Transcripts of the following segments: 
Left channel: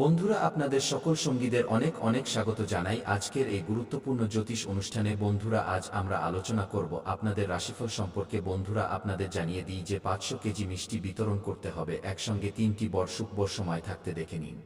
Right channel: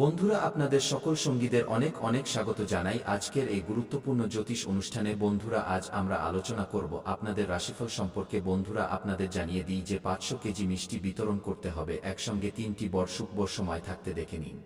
বন্ধুরা, আপনাদের সকল সঙ্গীদের অনেক অনেক স্বাগত জানাই আজকের এই গুরুত্বপূর্ণ জ্যোতিষ অনুষ্ঠানে। বন্ধুরা, আজ আমরা আলোচনা করব আপনাদের রাশিফল সম্পর্কে। বন্ধুরা, আপনাদের জানিয়ে দিই যে 500 কেজি মিষ্টি বিতরণ করতে হবে একসঙ্গে 3টি বড় শুভ সময় থাকতে দেখে নিন,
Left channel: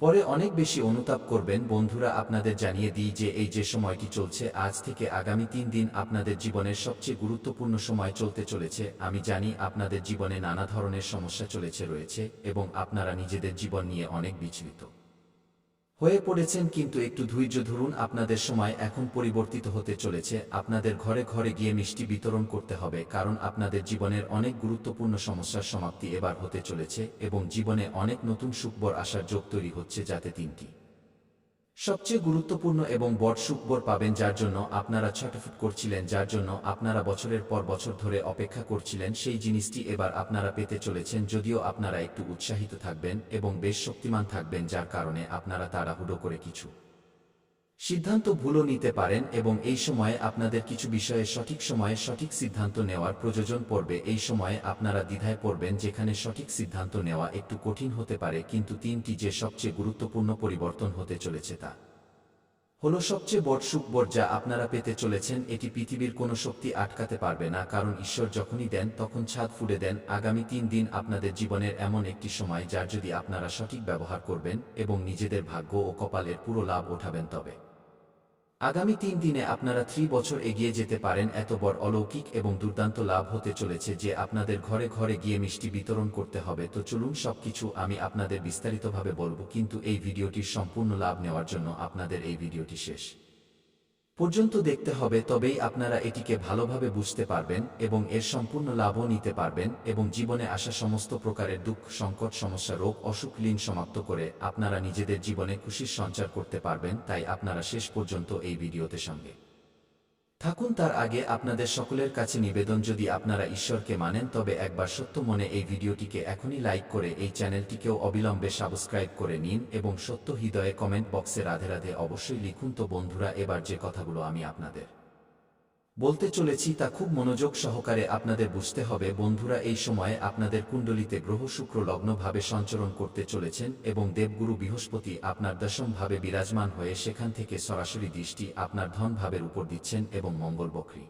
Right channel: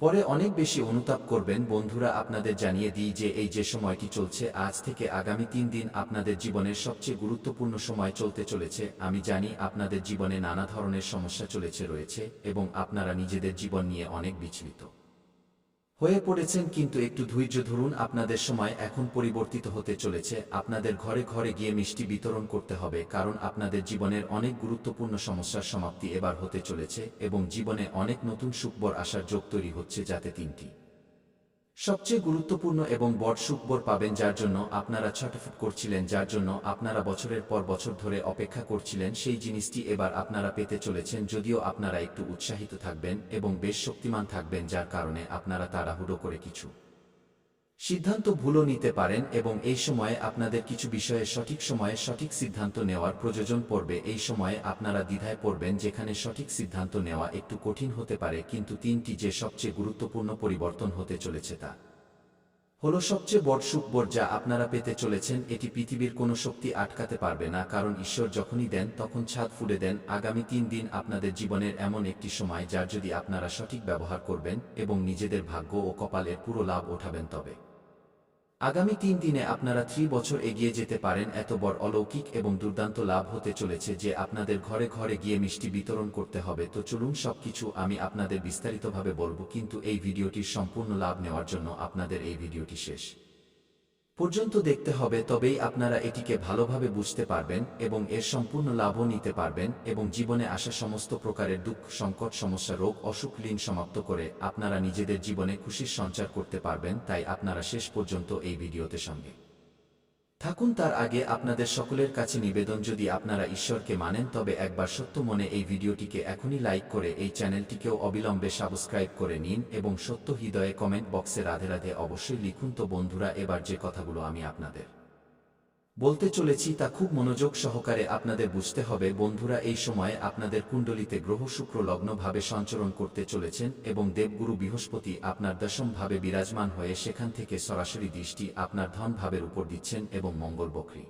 পরে অনেক বেশি অনুতাপ করবেন। বন্ধুরা, আপনাদের জানিয়ে দিই যে এই যে সময়টি চলছে আজ থেকে আগামী 3 দিন আপনাদের জীবনের সবচেয়ে গুরুত্বপূর্ণ সময় চলতে চলেছে। আমি জানি আপনাদের জীবনে নানা ধরনের সমস্যা রয়েছে এবং আপনারা নিজেদের জীবন নিয়ে অনেক বিচলিত হয়ে পড়েছেন, কিন্তু একটু ধৈর্য ধরুন। আপনাদের সময় এখন পরিবর্তিত হতে চলেছে। আপনাদের ঘরে ঘরে গিয়ে মিষ্টি বিতরণ করতে হবে, কারণ আপনাদের জীবনের অনেক গুরুত্বপূর্ণ সমস্যার সমাপ্তি এবার হতে চলেছে এবং জীবনে অনেক নতুন সুখবর আসার যোগ তৈরি হচ্ছে, যাতে 3টি সবচেয়ে গুরুত্বপূর্ণ এবং বড় সুখবর পাবেন, যার জন্য আপনারা ছটফট করছিলেন, যার জন্য আপনারা বছরের পর বছর ধরে অপেক্ষা করছিলেন। সেই জিনিসটি এবার আপনারা পেতে চলেছেন। যদিও আপনারা একটু উৎসাহিত থাকবেন এবং বেশ শক্তিমান থাকবেন, যার কারণে আপনারা তাড়াহুড়ো করে কিছু সিদ্ধান্ত ভুলও নিতে পারেন এবং এই সময়ে আপনাদের কিছু বিষয়ে সঠিক সময়ে সঠিক সিদ্ধান্ত নেওয়ার প্রয়োজন পড়বে। এই সময়ে আপনারা দ্বিধায় পড়বেন, যেখানে সঠিক সিদ্ধান্ত নেওয়া একটু কঠিন হতে পারে, কিন্তু 3টি যে সবচেয়ে গুরুত্বপূর্ণ পরিবর্তন হতে চলেছে তা হলো সবচেয়ে বড় সুখবর যা আপনারা পেতে চলেছেন। এটি পৃথিবীর কোনো শক্তি আটকাতে পারবে না, কারণ ঈশ্বর যখনই দেন তখন ছাদ ফুঁড়ে দেন। আগামী 3 দিন আপনাদের জীবনের এমন একটি সময়, যার যদি আপনারা সঠিক ব্যবহার করবেন এবং নিজেদের ভাগ্য ও কপালের পুরো লাভ ওঠাবেন, তবে আগামী 3 দিনে আপনারা 3 বছর এগিয়ে যেতে পারেন। এত বড় অলৌকিক এবং দুর্দান্ত লাভ হতে চলেছে যে আপনাদের ঘরে ঘরে গিয়ে মিষ্টি বিতরণ করতে হবে। তো চলুন, সবকিছু আমি আপনাদের বিস্তারিতভাবে বলবো, কিন্তু এই ভিডিওটির সম্পূর্ণ লাভ নেওয়ার জন্য আপনাদের এই ভিডিওটি শেষ পর্যন্ত দেখতে হবে, তবেই আপনারা এটিকে ভালোভাবে বুঝতে পারবেন এবং এর সম্পূর্ণ লাভও নিতে পারবেন এবং জীবনে আসা সমস্ত প্রকারের দুঃখ, সংকট, সমস্যা, রোগ, অসুখ, লীন সমাপ্ত করে আপনারা নিজেদের জীবনে খুশির সঞ্চার করতে পারবেন। তাই আপনারা শেষ পর্যন্ত এই ভিডিওতে সঙ্গে থাকুন। তার আগে আপনাদের সকলের কাছে নিবেদন, যদি আপনারা ঈশ্বরকে মানেন তবে একবার সত্য মনে এই ভিডিওটিকে এখনই লাইক করে এই চ্যানেলটিকেও অবিলম্বে সাবস্ক্রাইব করে নিন এবং সত্য হৃদয়ে কমেন্ট বক্সে রাধে রাধে অবশ্যই লিখুন। তো বন্ধুরা, এবার যে কথাগুলো আমি আপনাদের বলতে চলেছি তা খুব মনোযোগ সহকারে আপনাদের বুঝতে হবে। বন্ধুরা, এই সময়ে আপনাদের কুণ্ডলিতে গ্রহ শুক্র লগ্নভাবে সঞ্চরণ করতে চলেছেন এবং দেবগুরু বৃহস্পতি আপনার দশম ভাবে বিরাজমান হয়ে সেখান থেকে সরাসরি দৃষ্টি আপনার ধন ভাবের উপর দিচ্ছেন এবং মঙ্গল বক্রী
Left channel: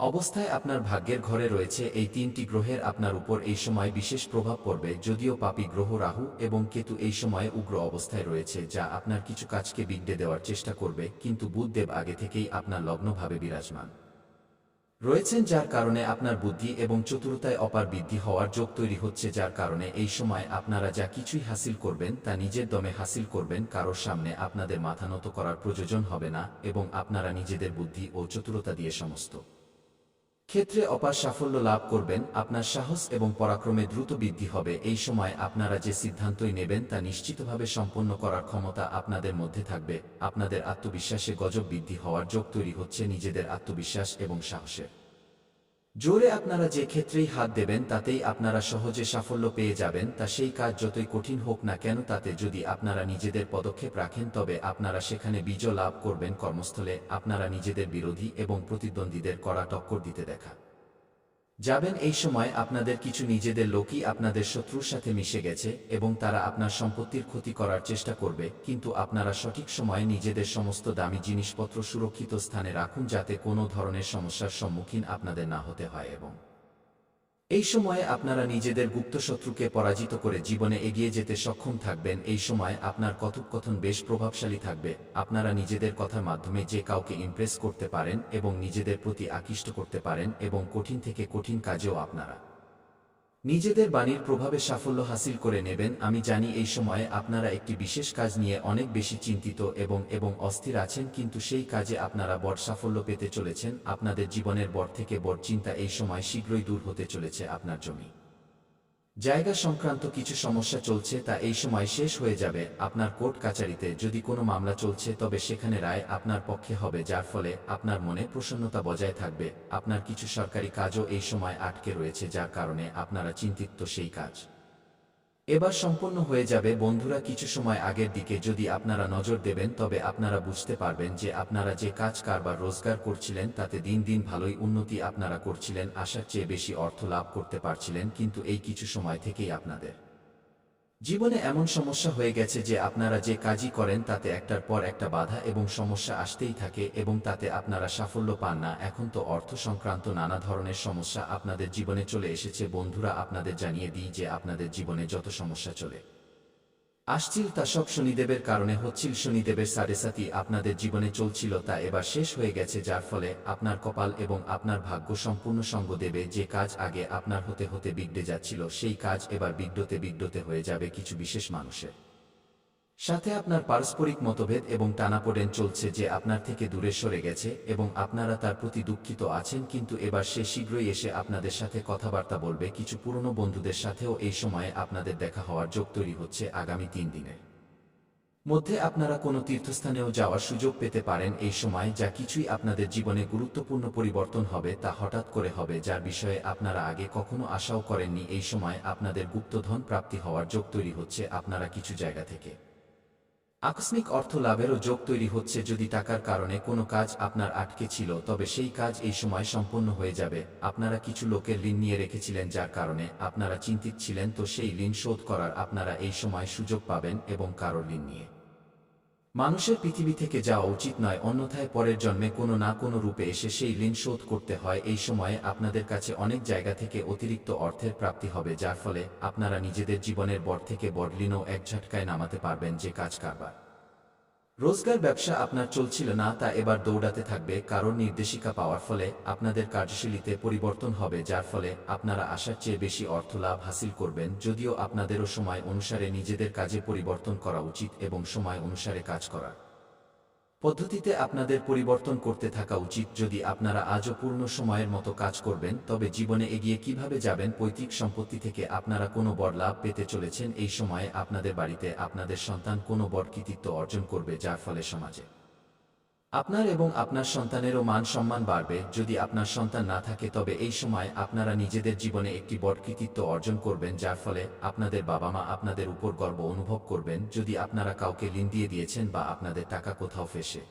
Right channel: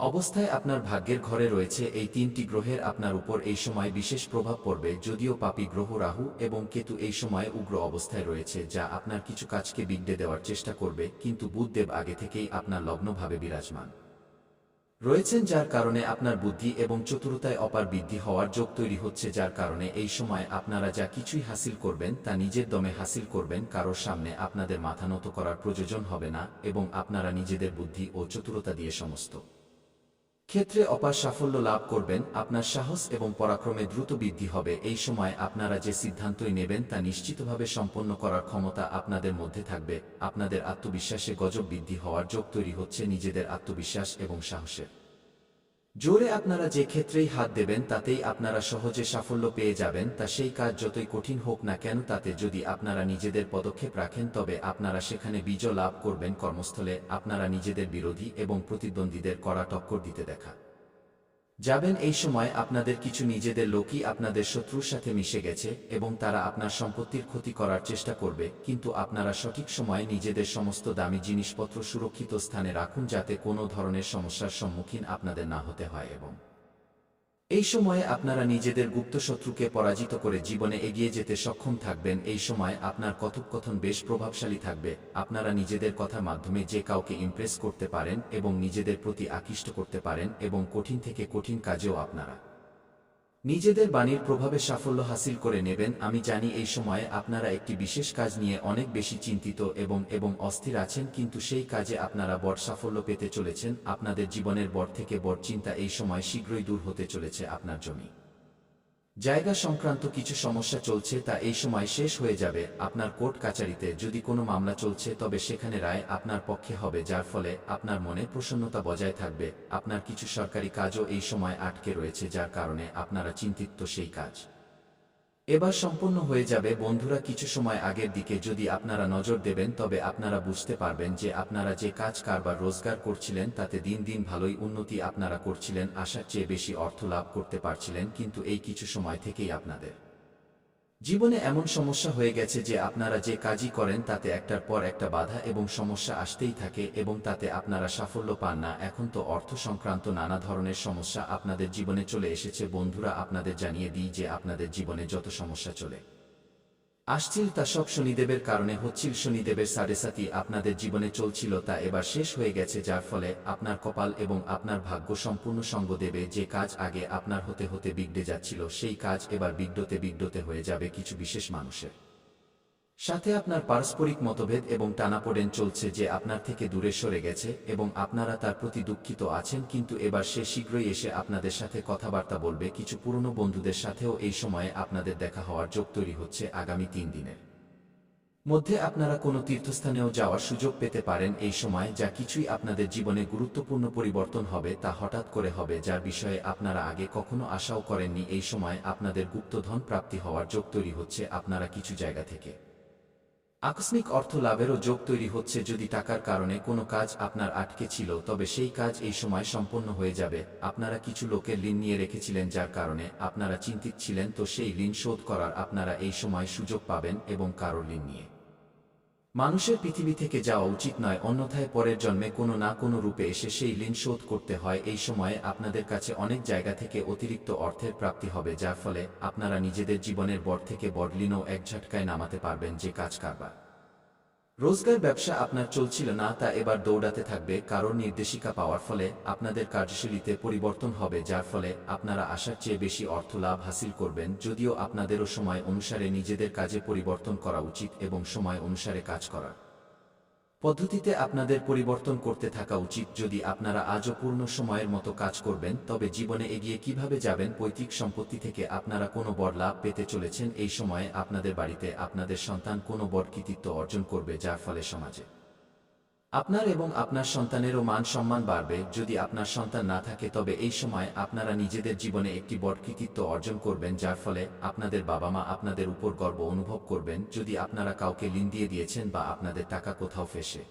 অবস্থায় আপনার ভাগ্যের ঘরে রয়েছে। এই 3টি গ্রহের আপনার উপর এই সময় বিশেষ প্রভাব পড়বে। যদিও পাপী গ্রহ রাহু এবং কেতু এই সময়ে উগ্র অবস্থায় রয়েছে, যা আপনার কিছু কাজকে বিঘ্নে দেওয়ার চেষ্টা করবে, কিন্তু বুধদেব আগে থেকেই আপনার লগ্নভাবে বিরাজমান রয়েছেন, যার কারণে আপনার বুদ্ধি এবং চতুরতায় অপার বৃদ্ধি হওয়ার যোগ তৈরি হচ্ছে, যার কারণে এই সময় আপনারা যা কিছুই হাসিল করবেন তা নিজের দমে হাসিল করবেন। কারোর সামনে আপনাদের মাথা নত করার প্রয়োজন হবে না এবং আপনারা নিজেদের বুদ্ধি ও চতুরতা দিয়ে সমস্ত ক্ষেত্রে অপার সাফল্য লাভ করবেন। আপনার সাহস এবং পরাক্রমে দ্রুত বৃদ্ধি হবে। এই সময় আপনারা যে সিদ্ধান্তই নেবেন তা নিশ্চিতভাবে সম্পন্ন করার ক্ষমতা আপনাদের মধ্যে থাকবে। আপনাদের আত্মবিশ্বাসে গজব বৃদ্ধি হওয়ার যোগ তৈরি হচ্ছে। নিজেদের আত্মবিশ্বাস এবং সাহসের জোরে আপনারা যে ক্ষেত্রেই হাত দেবেন তাতেই আপনারা সহজে সাফল্য পেয়ে যাবেন। তা সেই কাজ যতই কঠিন হোক না কেন, তাতে যদি আপনারা নিজেদের পদক্ষেপ রাখেন তবে আপনারা সেখানে বিজয় লাভ করবেন। কর্মস্থলে আপনারা নিজেদের বিরোধী এবং প্রতিদ্বন্দ্বীদের কড়া টক্কর দিতে দেখা যাবেন। এই সময় আপনাদের কিছু নিজেদের লোকই আপনাদের শত্রুর সাথে মিশে গেছে এবং তারা আপনার সম্পত্তির ক্ষতি করার চেষ্টা করবে, কিন্তু আপনারা সঠিক সময়ে নিজেদের সমস্ত দামি জিনিসপত্র সুরক্ষিত স্থানে রাখুন, যাতে কোনো ধরনের সমস্যার সম্মুখীন আপনাদের না হতে হয় এবং এই সময়ে আপনারা নিজেদের গুপ্ত শত্রুকে পরাজিত করে জীবনে এগিয়ে যেতে সক্ষম থাকবেন। এই সময় আপনার কথোপকথন বেশ প্রভাবশালী থাকবে। আপনারা নিজেদের কথার মাধ্যমে যে কাউকে ইমপ্রেস করতে পারেন এবং নিজেদের প্রতি আকৃষ্ট করতে পারেন এবং কঠিন থেকে কঠিন কাজেও আপনারা নিজেদের বাণীর প্রভাবে সাফল্য হাসিল করে নেবেন। আমি জানি এই সময়ে আপনারা একটি বিশেষ কাজ নিয়ে অনেক বেশি চিন্তিত এবং অস্থির আছেন, কিন্তু সেই কাজে আপনারা বড় সাফল্য পেতে চলেছেন। আপনাদের জীবনের বড় থেকে বড় চিন্তা এই সময় শীঘ্রই দূর হতে চলেছে। আপনার জমি জায়গা সংক্রান্ত কিছু সমস্যা চলছে, তা এই সময় শেষ হয়ে যাবে। আপনার কোর্ট কাচারিতে যদি কোনো মামলা চলছে তবে সেখানে রায় আপনার পক্ষে হবে, যার ফলে আপনার মনে প্রসন্নতা বজায় থাকবে। আপনার কিছু সরকারি কাজও এই সময় আটকে রয়েছে, যার কারণে আপনারা চিন্তিত। সেই কাজ এবার সম্পন্ন হয়ে যাবে। বন্ধুরা, কিছু সময় আগের দিকে যদি আপনারা নজর দেবেন তবে আপনারা বুঝতে পারবেন যে আপনারা যে কাজ কারবার রোজগার করছিলেন তাতে দিন দিন ভালোই উন্নতি আপনারা করছিলেন, আশার চেয়ে বেশি অর্থ লাভ করতে পারছিলেন, কিন্তু এই কিছু সময় থেকেই আপনাদের জীবনে এমন সমস্যা হয়ে গেছে যে আপনারা যে কাজই করেন তাতে একটার পর একটা বাধা এবং সমস্যা আসতেই থাকে এবং তাতে আপনারা সাফল্য পান না। এখন তো অর্থ সংক্রান্ত নানা ধরনের সমস্যা আপনাদের জীবনে চলে এসেছে। বন্ধুরা, আপনাদের জানিয়ে দিই যে আপনাদের জীবনে যত সমস্যা চলে আসছিল তা সব শনিদেবের কারণে হচ্ছিল। শনিদেবের সাড়েসাতি আপনাদের জীবনে চলছিল তা এবার শেষ হয়ে গেছে, যার ফলে আপনার কপাল এবং আপনার ভাগ্য সম্পূর্ণ সঙ্গ দেবে। যে কাজ আগে আপনার হতে হতে বিগড়ে যাচ্ছিল সেই কাজ এবার বিগড়তে হয়ে যাবে কিছু বিশেষ মানুষের সাথে। আপনার পারস্পরিক মতভেদ এবং টানাপোড়েন চলছে যে আপনার থেকে দূরে সরে গেছে এবং আপনারা তার প্রতি দুঃখিত আছেন, কিন্তু এবার সে শীঘ্রই এসে আপনাদের সাথে কথাবার্তা বলবে। কিছু পুরনো বন্ধুদের সাথেও এই সময়ে আপনাদের দেখা হওয়ার যোগ তৈরি হচ্ছে। আগামী 3 দিনের মধ্যে আপনারা কোনো তীর্থস্থানেও যাওয়ার সুযোগ পেতে পারেন এই সময়। যা কিছুই আপনাদের জীবনে গুরুত্বপূর্ণ পরিবর্তন হবে তা হঠাৎ করে হবে, যার বিষয়ে আপনারা আগে কখনো আশাও করেননি। এই সময় আপনাদের গুপ্তধন প্রাপ্তি হওয়ার যোগ তৈরি হচ্ছে। আপনারা কিছু জায়গা থেকে আকস্মিক অর্থ লাভেরও যোগ তৈরি হচ্ছে। যদি টাকার কারণে কোনো কাজ আপনার আটকে ছিল তবে সেই কাজ এই সময় সম্পন্ন হয়ে যাবে। আপনারা কিছু লোকের ঋণ নিয়ে রেখেছিলেন যার কারণে আপনারা চিন্তিত ছিলেন, তো সেই ঋণ শোধ করার আপনারা এই সময় সুযোগ পাবেন এবং কারোর ঋণ নিয়ে মানুষের পৃথিবী থেকে যাওয়া উচিত নয়, অন্যথায় পরের জন্মে কোনো না কোনো রূপে এসে সেই ঋণ শোধ করতে হয়। এই সময়ে আপনাদের কাছে অনেক জায়গা থেকে অতিরিক্ত অর্থের প্রাপ্তি হবে, যার ফলে আপনারা নিজেদের জীবনের বড় থেকে বড় ঋণও এক ঝটকায় নামাতে পারবেন। যে কাজ কারবার রোজগার ব্যবসা আপনার চলছিল না তা এবার দৌড়াতে থাকবে। কারোর নির্দেশিকা পাওয়ার ফলে আপনাদের কার্যশৈলীতে পরিবর্তন হবে, যার ফলে আপনারা আশার চেয়ে বেশি অর্থ লাভ হাসিল করবেন। যদিও আপনাদেরও সময় অনুসারে নিজেদের কাজে পরিবর্তন করা উচিত এবং সময় অনুসারে কাজ করা পদ্ধতিতে আপনাদের পরিবর্তন করতে থাকা উচিত। যদি আপনারা আজও পূর্ণ সময়ের মতো কাজ করবেন তবে জীবনে এগিয়ে কিভাবে যাবেন। পৈতৃক সম্পত্তি থেকে আপনারা কোনো বড় লাভ পেতে চলেছেন। এই সময়ে আপনাদের বাড়িতে আপনাদের সন্তান কোনো বড় কৃতিত্ব অর্জন করবে, যার ফলে সমাজে আপনার এবং আপনার সন্তানেরও মান সম্মান বাড়বে। যদি আপনার সন্তান না থাকে তবে এই সময় আপনারা নিজেদের জীবনে একটি বড় কৃতিত্ব অর্জন করবেন, যার ফলে আপনাদের বাবা মা আপনাদের উপর গর্ব অনুভব করবেন। যদি আপনারা কাউকে ঋণ দিয়ে দিয়েছেন বা আপনাদের টাকা কোথাও ফেঁসে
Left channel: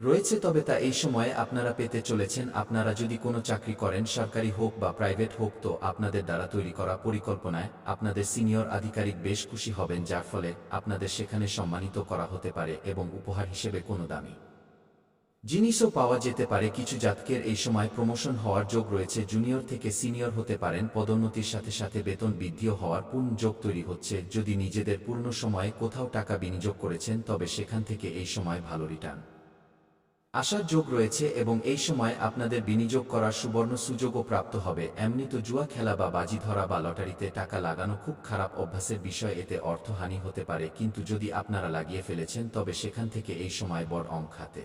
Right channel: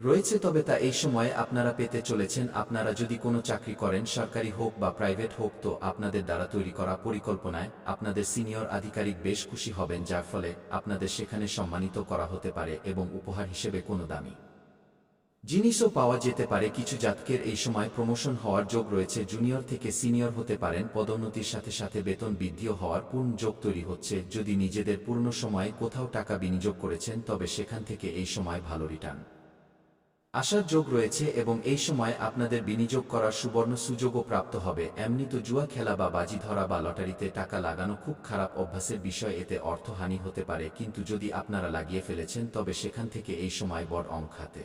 রয়েছে তবে তা এই সময়ে আপনারা পেতে চলেছেন। আপনারা যদি কোনো চাকরি করেন, সরকারি হোক বা প্রাইভেট হোক, তো আপনাদের দ্বারা তৈরি করা পরিকল্পনায় আপনাদের সিনিয়র আধিকারিক বেশ খুশি হবেন, যার ফলে আপনাদের সেখানে সম্মানিত করা হতে পারে এবং উপহার হিসেবে কোনো দামি জিনিসও পাওয়া যেতে পারে। কিছু জাতকের এই সময় প্রমোশন হওয়ার যোগ রয়েছে, জুনিয়র থেকে সিনিয়র হতে পারেন। পদোন্নতির সাথে সাথে বেতন বৃদ্ধিও হওয়ার পূর্ণ যোগ তৈরি হচ্ছে। যদি নিজেদের পূর্ণ সময়ে কোথাও টাকা বিনিয়োগ করেছেন তবে সেখান থেকে এই সময় ভালো রিটার্ন আসার যোগ রয়েছে এবং এই সময় আপনাদের বিনিয়োগ করার সুবর্ণ সুযোগও প্রাপ্ত হবে। এমনি তো জুয়া খেলা বা বাজি ধরা বা লটারিতে টাকা লাগানো খুব খারাপ অভ্যাসের বিষয়, এতে অর্থহানি হতে পারে, কিন্তু যদি আপনারা লাগিয়ে ফেলেছেন তবে সেখান থেকে এই সময় বড় অঙ্ক হাতে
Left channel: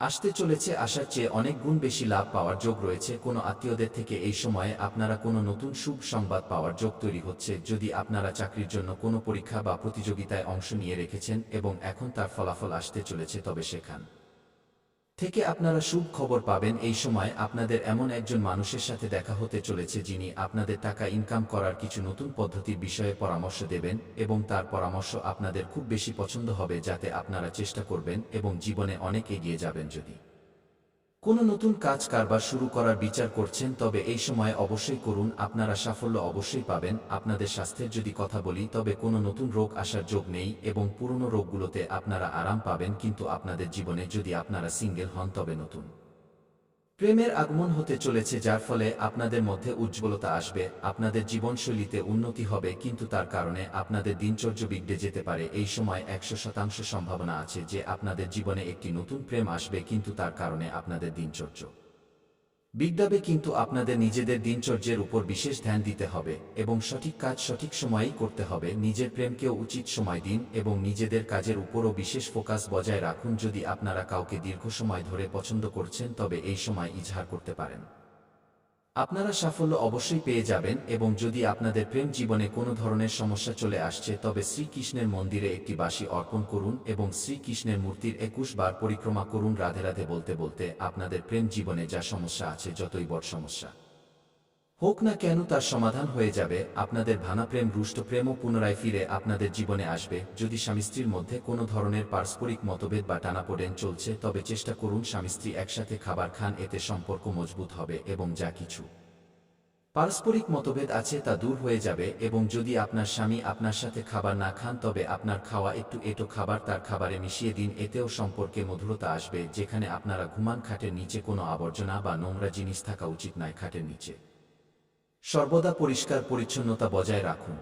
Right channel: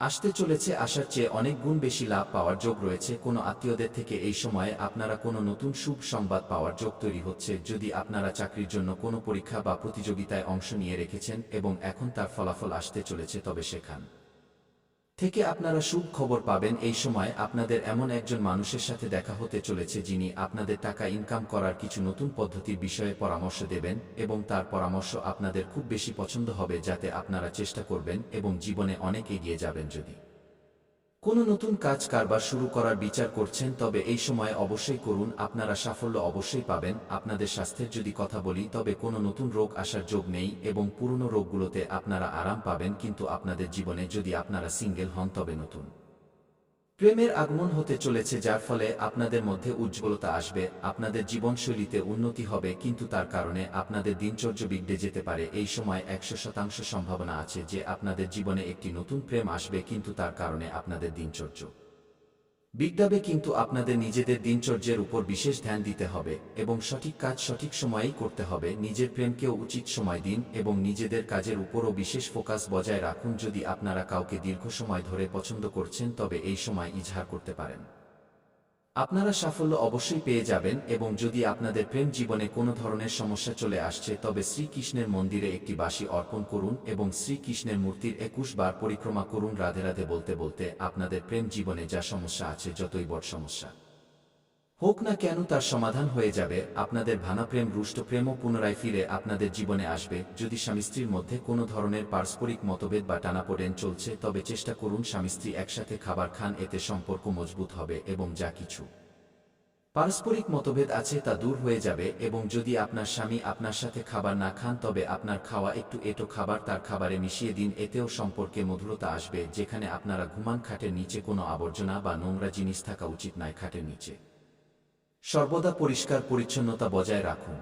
আসতে চলেছে। আসার চেয়ে অনেক গুণ বেশি লাভ পাওয়ার যোগ রয়েছে। কোনো আত্মীয়দের থেকে এই সময়ে আপনারা কোনো নতুন শুভ সংবাদ পাওয়ার যোগ তৈরি হচ্ছে। যদি আপনারা চাকরির জন্য কোনো পরীক্ষা বা প্রতিযোগিতায় অংশ নিয়ে রেখেছেন এবং এখন তার ফলাফল আসতে চলেছে তবে সেখান থেকে আপনারা শুভ খবর পাবেন। এই সময় আপনাদের এমন একজন মানুষের সাথে দেখা হতে চলেছে যিনি আপনাদের টাকা ইনকাম করার কিছু নতুন পদ্ধতির বিষয়ে পরামর্শ দেবেন এবং তার পরামর্শ আপনাদের খুব বেশি পছন্দ হবে, যাতে আপনারা চেষ্টা করবেন এবং জীবনে অনেক এগিয়ে যাবেন। যদি কোনো নতুন কাজ কারবার শুরু করার বিচার করছেন তবে এই সময় অবশ্যই করুন, আপনারা সাফল্য অবশ্যই পাবেন। আপনাদের স্বাস্থ্যের যদি কথা বলি তবে কোনো নতুন রোগ আসার যোগ নেই এবং পুরনো রোগগুলোতে আপনারা আরাম পাবেন। কিন্তু আপনাদের জীবনে যদি আপনারা সিঙ্গেল হন তবে নতুন প্রেমের আগমন হতে চলেছে, যার ফলে আপনাদের মধ্যে উজ্জ্বলতা আসবে। আপনাদের জীবনশৈলীতে উন্নতি হবে, কিন্তু তার কারণে আপনাদের দিনচর্য বিগড়ে যেতে পারে। এই সময় 100% সম্ভাবনা আছে যে আপনাদের জীবনে একটি নতুন প্রেম আসবে, কিন্তু তার কারণে আপনাদের দিনচর্য বিগড়াবে। কিন্তু আপনাদের নিজেদের দিনচর্যের উপর বিশেষ ধ্যান দিতে হবে এবং সঠিক কাজ সঠিক সময়েই করতে হবে। নিজের প্রেমকেও উচিত সময় দিন এবং নিজেদের কাজের উপরও বিশেষ ফোকাস বজায় রাখুন। যদি আপনারা কাউকে দীর্ঘ সময় ধরে পছন্দ করছেন তবে এই সময় ইজহার করতে পারেন, আপনারা সাফল্য অবশ্যই পেয়ে যাবেন। এবং যদি আপনাদের প্রেম জীবনে কোনো ধরনের সমস্যা চলে আসছে তবে শ্রীকৃষ্ণের মন্দিরে একটি বাঁশি অর্পণ করুন এবং শ্রীকৃষ্ণের মূর্তির 21 বার পরিক্রমা করুন রাধে রাধে বলতে বলতে। আপনাদের প্রেম জীবনে যা সমস্যা আছে, যতই বড় সমস্যা হোক না কেন, তার সমাধান হয়ে যাবে। আপনাদের ভাঙা প্রেম, রুষ্ট প্রেমও পুনরায় ফিরে আপনাদের জীবনে আসবে। যদি স্বামী স্ত্রীর মধ্যে কোনো ধরনের পারস্পরিক মতভেদ বা টানাপোড়েন চলছে তবে চেষ্টা করুন স্বামী স্ত্রী একসাথে খাবার খান, এতে সম্পর্ক মজবুত হবে এবং যা কিছু পারস্পরিক মতভেদ আছে তা দূর হয়ে যাবে, এবং যদি আপনার স্বামী আপনার সাথে খাবার না খান তবে আপনার খাওয়া একটু এটো খাবার তার খাবারে মিশিয়ে দিন, এতেও সম্পর্কে মধুরতা আসবে। যেখানে আপনারা ঘুমান খাটের নিচে কোনো আবর্জনা বা নোংরা জিনিস থাকা উচিত নয় খাটের নিচে। সর্বদা পরিষ্কার পরিচ্ছন্নতা বজায় রাখুন।